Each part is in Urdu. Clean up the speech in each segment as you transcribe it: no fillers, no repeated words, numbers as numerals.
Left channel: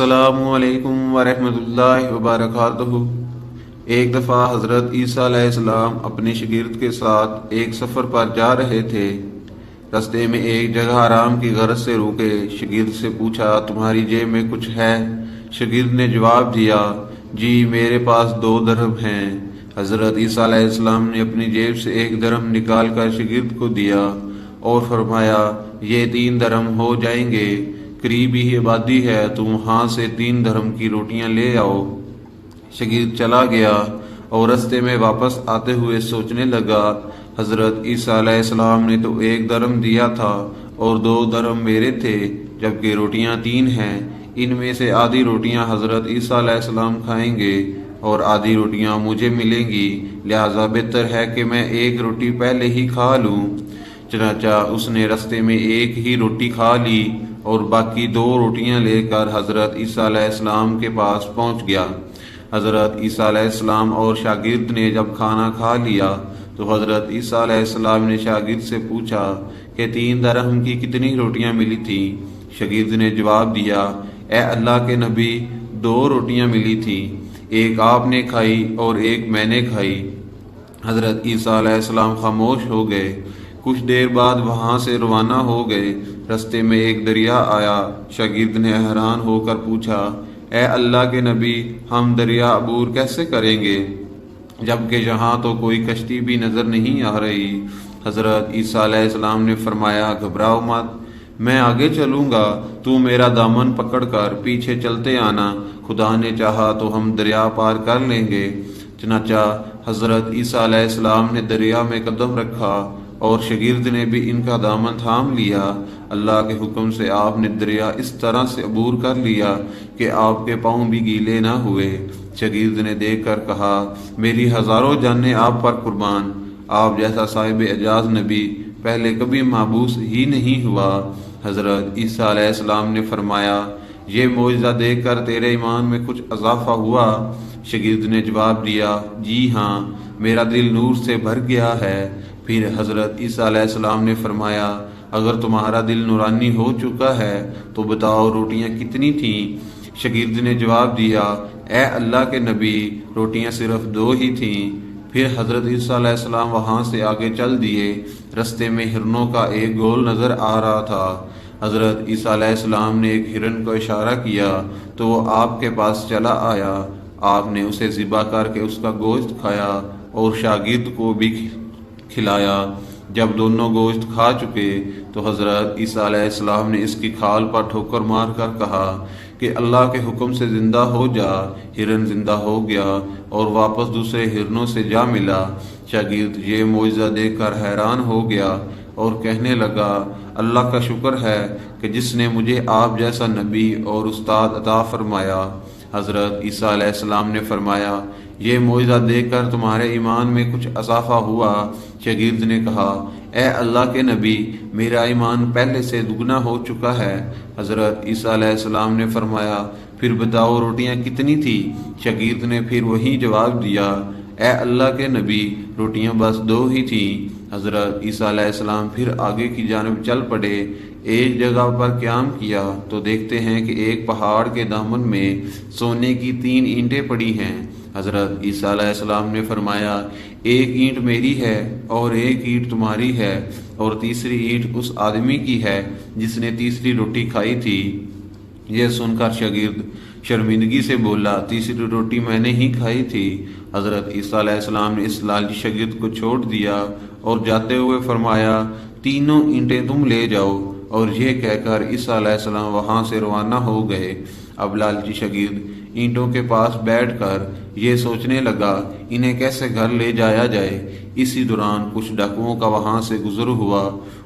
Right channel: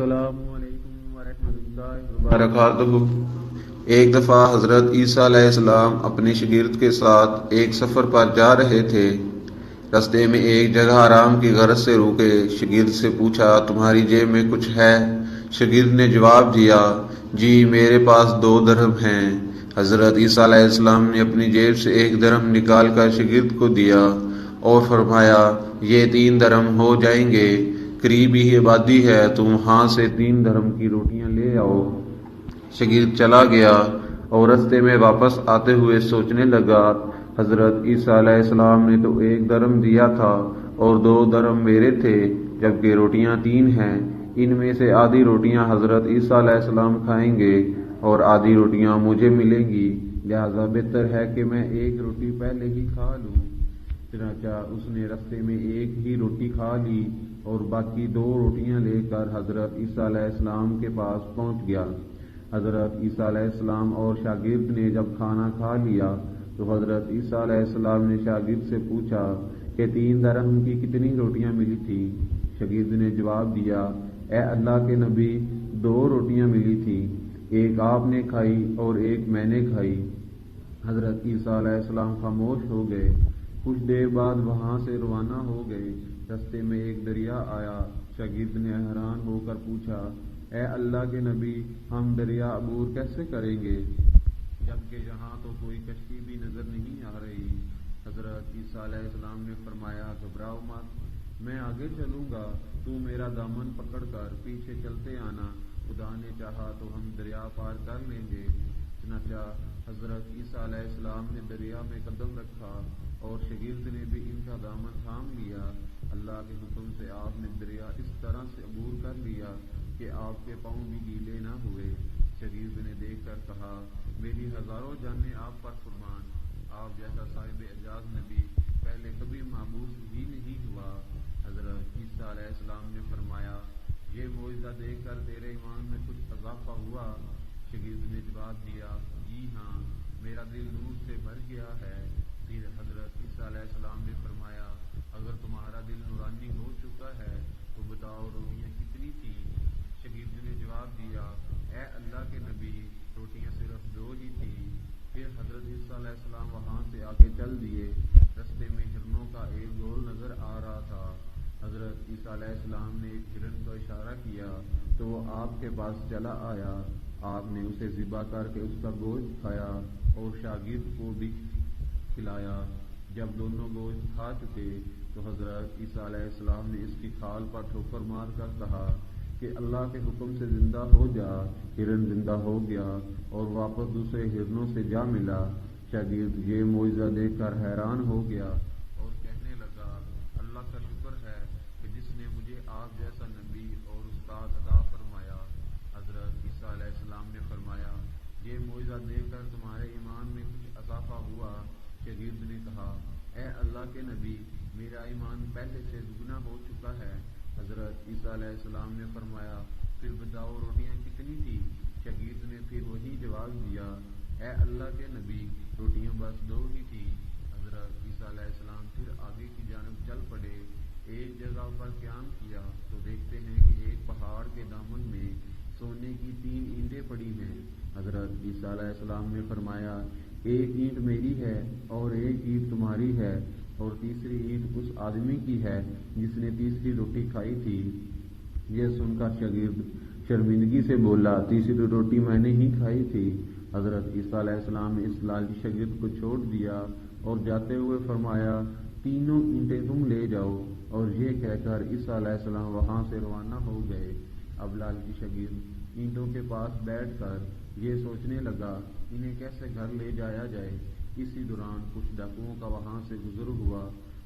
السلام علیکم ورحمۃ اللہ وبرکاتہ۔ ایک دفعہ حضرت عیسیٰ علیہ السلام اپنے شاگرد کے ساتھ ایک سفر پر جا رہے تھے۔ رستے میں ایک جگہ آرام کی غرض سے رکے۔ شاگرد سے پوچھا، تمہاری جیب میں کچھ ہے؟ شاگرد نے جواب دیا، جی میرے پاس 2 درہم ہیں۔ حضرت عیسیٰ علیہ السلام نے اپنی جیب سے 1 درہم نکال کر شاگرد کو دیا اور فرمایا، یہ 3 درہم ہو جائیں گے، قریب ہی آبادی ہے، تم وہاں سے 3 درہم کی روٹیاں لے آؤ۔ شاگرد چلا گیا اور رستے میں واپس آتے ہوئے سوچنے لگا، حضرت عیسیٰ علیہ السلام نے تو 1 درہم دیا تھا اور 2 درہم میرے تھے، جبکہ روٹیاں 3 ہیں۔ ان میں سے آدھی روٹیاں حضرت عیسیٰ علیہ السلام کھائیں گے اور آدھی روٹیاں مجھے ملیں گی، لہٰذا بہتر ہے کہ میں 1 روٹی پہلے ہی کھا لوں۔ چنانچہ اس نے رستے میں 1 ہی روٹی کھا لی اور باقی 2 روٹیاں لے کر حضرت عیسیٰ علیہ السلام کے پاس پہنچ گیا۔ حضرت عیسیٰ علیہ السلام اور شاگرد نے جب کھانا کھا لیا تو حضرت عیسیٰ علیہ السلام نے شاگرد سے پوچھا کہ 3 درہم کی کتنی روٹیاں ملی تھیں؟ شاگرد نے جواب دیا، اے اللہ کے نبی، 2 روٹیاں ملی تھیں، 1 آپ نے کھائی اور 1 میں نے کھائی۔ حضرت عیسیٰ علیہ السلام خاموش ہو گئے۔ کچھ دیر بعد وہاں سے روانہ ہو گئے۔ رستے میں ایک دریا آیا۔ شاگرد نے حیران ہو کر پوچھا، اے اللہ کے نبی، ہم دریا عبور کیسے کریں گے جبکہ یہاں تو کوئی کشتی بھی نظر نہیں آ رہی؟ حضرت عیسیٰ علیہ السلام نے فرمایا، گھبراؤ مت، میں آگے چلوں گا، تو میرا دامن پکڑ کر پیچھے چلتے آنا، خدا نے چاہا تو ہم دریا پار کر لیں گے۔ چنانچہ حضرت عیسیٰ علیہ السلام نے دریا میں قدم رکھا اور شاگرد نے بھی ان کا دامن تھام لیا۔ اللہ کے حکم سے آپ نے دریا اس طرح سے عبور کر لیا کہ آپ کے پاؤں بھی گیلے نہ ہوئے۔ شاگرد نے دیکھ کر کہا، میری ہزاروں جانیں آپ پر قربان، آپ جیسا صاحب اعجاز نبی پہلے کبھی محبوس ہی نہیں ہوا۔ حضرت عیسیٰ علیہ السلام نے فرمایا، یہ معجزہ دیکھ کر تیرے ایمان میں کچھ اضافہ ہوا؟ شاگرد نے جواب دیا، جی ہاں، میرا دل نور سے بھر گیا ہے۔ پھر حضرت عیسیٰ علیہ السلام نے فرمایا، اگر تمہارا دل نورانی ہو چکا ہے تو بتاؤ روٹیاں کتنی تھیں؟ شاگرد نے جواب دیا، اے اللہ کے نبی، روٹیاں صرف 2 ہی تھیں۔ پھر حضرت عیسیٰ علیہ السلام وہاں سے آگے چل دیے۔ رستے میں ہرنوں کا ایک گول نظر آ رہا تھا۔ حضرت عیسیٰ علیہ السلام نے ایک ہرن کو اشارہ کیا تو وہ آپ کے پاس چلا آیا۔ آپ نے اسے ذبح کر کے اس کا گوشت کھایا اور شاگرد کو بھی کھلایا۔ جب دونوں گوشت کھا چکے تو حضرت عیسیٰ علیہ السلام نے اس کی کھال پر ٹھوکر مار کر کہا کہ اللہ کے حکم سے زندہ ہو جا۔ ہرن زندہ ہو گیا اور واپس دوسرے ہرنوں سے جا ملا۔ شاگرد یہ معجزہ دیکھ کر حیران ہو گیا اور کہنے لگا، اللہ کا شکر ہے کہ جس نے مجھے آپ جیسا نبی اور استاد عطا فرمایا۔ حضرت عیسیٰ علیہ السلام نے فرمایا، یہ معجزہ دیکھ کر تمہارے ایمان میں کچھ اضافہ ہوا؟ شاگرد نے کہا، اے اللہ کے نبی، میرا ایمان پہلے سے دگنا ہو چکا ہے۔ حضرت عیسیٰ علیہ السلام نے فرمایا، پھر بتاؤ روٹیاں کتنی تھی؟ شاگرد نے پھر وہی جواب دیا، اے اللہ کے نبی، روٹیاں بس 2 ہی تھیں۔ حضرت عیسیٰ علیہ السلام پھر آگے کی جانب چل پڑے۔ ایک جگہ پر قیام کیا تو دیکھتے ہیں کہ ایک پہاڑ کے دامن میں سونے کی 3 اینٹیں پڑی ہیں۔ حضرت عیسیٰ علیہ السلام نے فرمایا، 1 اینٹ میری ہے اور 1 اینٹ تمہاری ہے اور تیسری اینٹ اس آدمی کی ہے جس نے تیسری روٹی کھائی تھی۔ یہ سن کر شاگرد شرمندگی سے بولا، تیسری روٹی میں نے ہی کھائی تھی۔ حضرت عیسیٰ علیہ السلام نے اس لالچی شاگرد کو چھوڑ دیا اور جاتے ہوئے فرمایا، 3 اینٹیں تم لے جاؤ، اور یہ کہہ کر عیسیٰ علیہ السلام وہاں سے روانہ ہو گئے۔ اب لالچی شاگرد اینٹوں کے پاس بیٹھ کر یہ سوچنے لگا، انہیں کیسے گھر لے جایا جائے۔ اسی دوران کچھ ڈاکوؤں کا وہاں سے گزر ہوا۔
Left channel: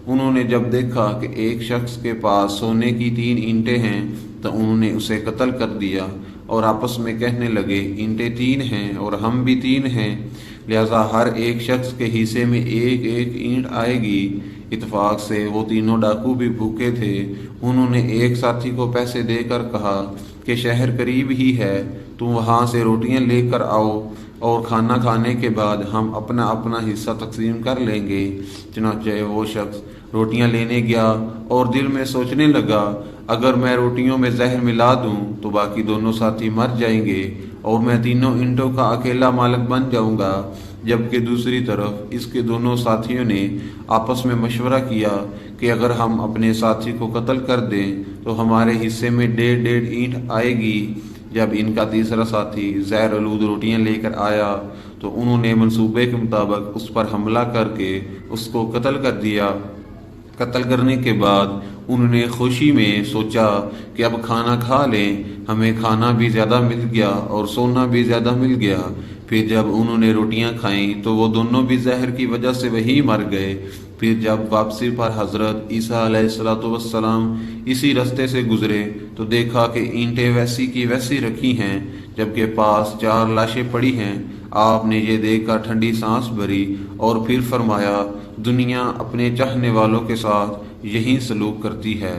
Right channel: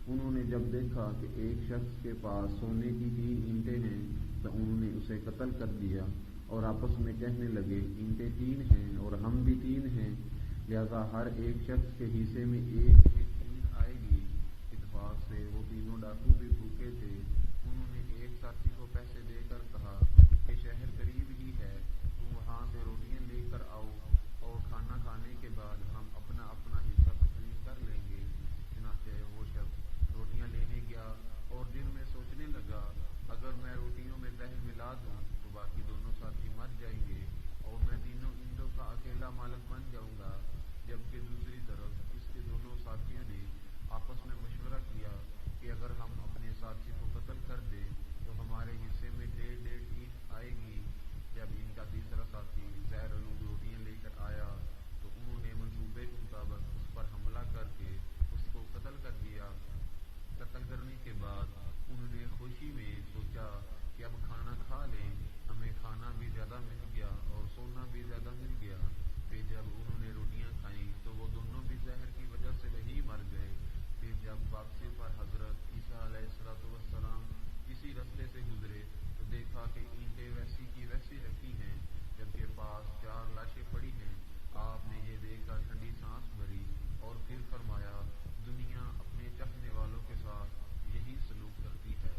انہوں نے جب دیکھا کہ ایک شخص کے پاس سونے کی 3 اینٹیں ہیں تو انہوں نے اسے قتل کر دیا اور آپس میں کہنے لگے، اینٹیں 3 ہیں اور ہم بھی 3 ہیں، لہذا ہر ایک شخص کے حصے میں 1 اینٹ آئے گی۔ اتفاق سے وہ تینوں ڈاکو بھی بھوکے تھے۔ انہوں نے ایک ساتھی کو پیسے دے کر کہا کہ شہر قریب ہی ہے، تم وہاں سے روٹیاں لے کر آؤ اور کھانا کھانے کے بعد ہم اپنا اپنا حصہ تقسیم کر لیں گے۔ چنانچہ وہ شخص روٹیاں لینے گیا اور دل میں سوچنے لگا، اگر میں روٹیوں میں زہر ملا دوں تو باقی دونوں ساتھی مر جائیں گے اور میں تینوں اینٹوں کا اکیلا مالک بن جاؤں گا۔ جبکہ دوسری طرف اس کے دونوں ساتھیوں نے آپس میں مشورہ کیا کہ اگر ہم اپنے ساتھی کو قتل کر دیں تو ہمارے حصے میں 1.5 اینٹ آئے گی۔ جب ان کا تیسرا ساتھی زہر آلود روٹیاں لے کر آیا تو انہوں نے منصوبے کے مطابق اس پر حملہ کر کے اس کو قتل کر دیا۔ قتل کرنے کے بعد انہوں نے خوشی میں سوچا کہ اب کھانا کھا لیں، ہمیں کھانا بھی زیادہ مل گیا اور سونا بھی زیادہ مل گیا۔ پھر جب انہوں نے روٹیاں کھائیں تو وہ دونوں بھی زہر کی وجہ سے وہی مر گئے۔ پھر جب واپسی پر حضرت عیسیٰ علیہ السلام اسی رستے سے گزرے تو دیکھا کہ اینٹیں ویسی کی ویسی رکھی ہیں، جبکہ پاس 4 لاشیں پڑی ہیں۔ آپ نے یہ دیکھ کر ٹھنڈی سانس بھری اور پھر فرمایا، دنیا اپنے چاہنے والوں کے ساتھ یہی سلوک کرتی ہے۔